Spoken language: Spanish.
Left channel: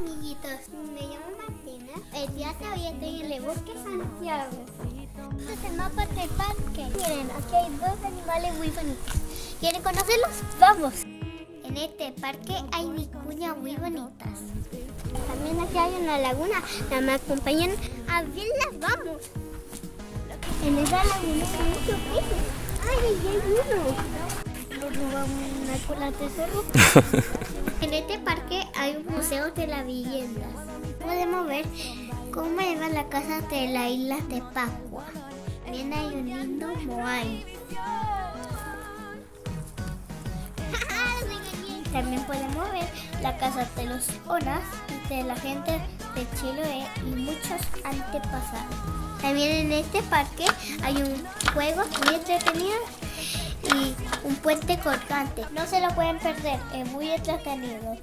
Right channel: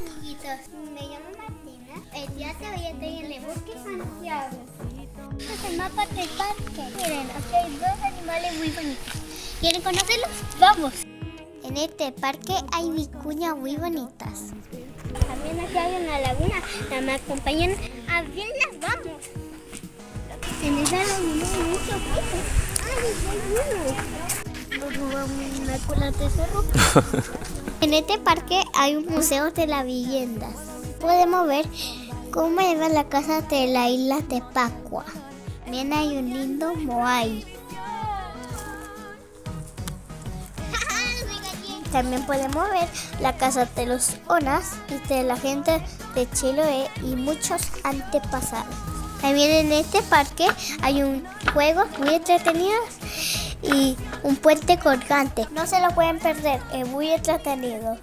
amiguitos, me llamo Martina. El día de hoy estoy en el bosque Santiago. Este el mapa del parque. Miren, aquí hay dos animales muy bonitos. ¿Quieren conocerlos? ¡Vamos! En este parque hay vicuñas muy bonitas. También aquí hay una laguna. ¿Me acompañan? A verlas, vamos. En esa laguna hay muchos peces. ¡Ay, hay uno! Nos robamos una cola de cerro. En este parque hay un museo de las viviendas. Podemos ver cómo era la casa de la isla de Pascua. También hay un lindo moai. También podemos ver la casa de los Onas y de la gente de Chiloé y muchos antepasados. También en este parque hay un juego muy entretenido y un puente colgante. No se lo pueden perder, es muy entretenido.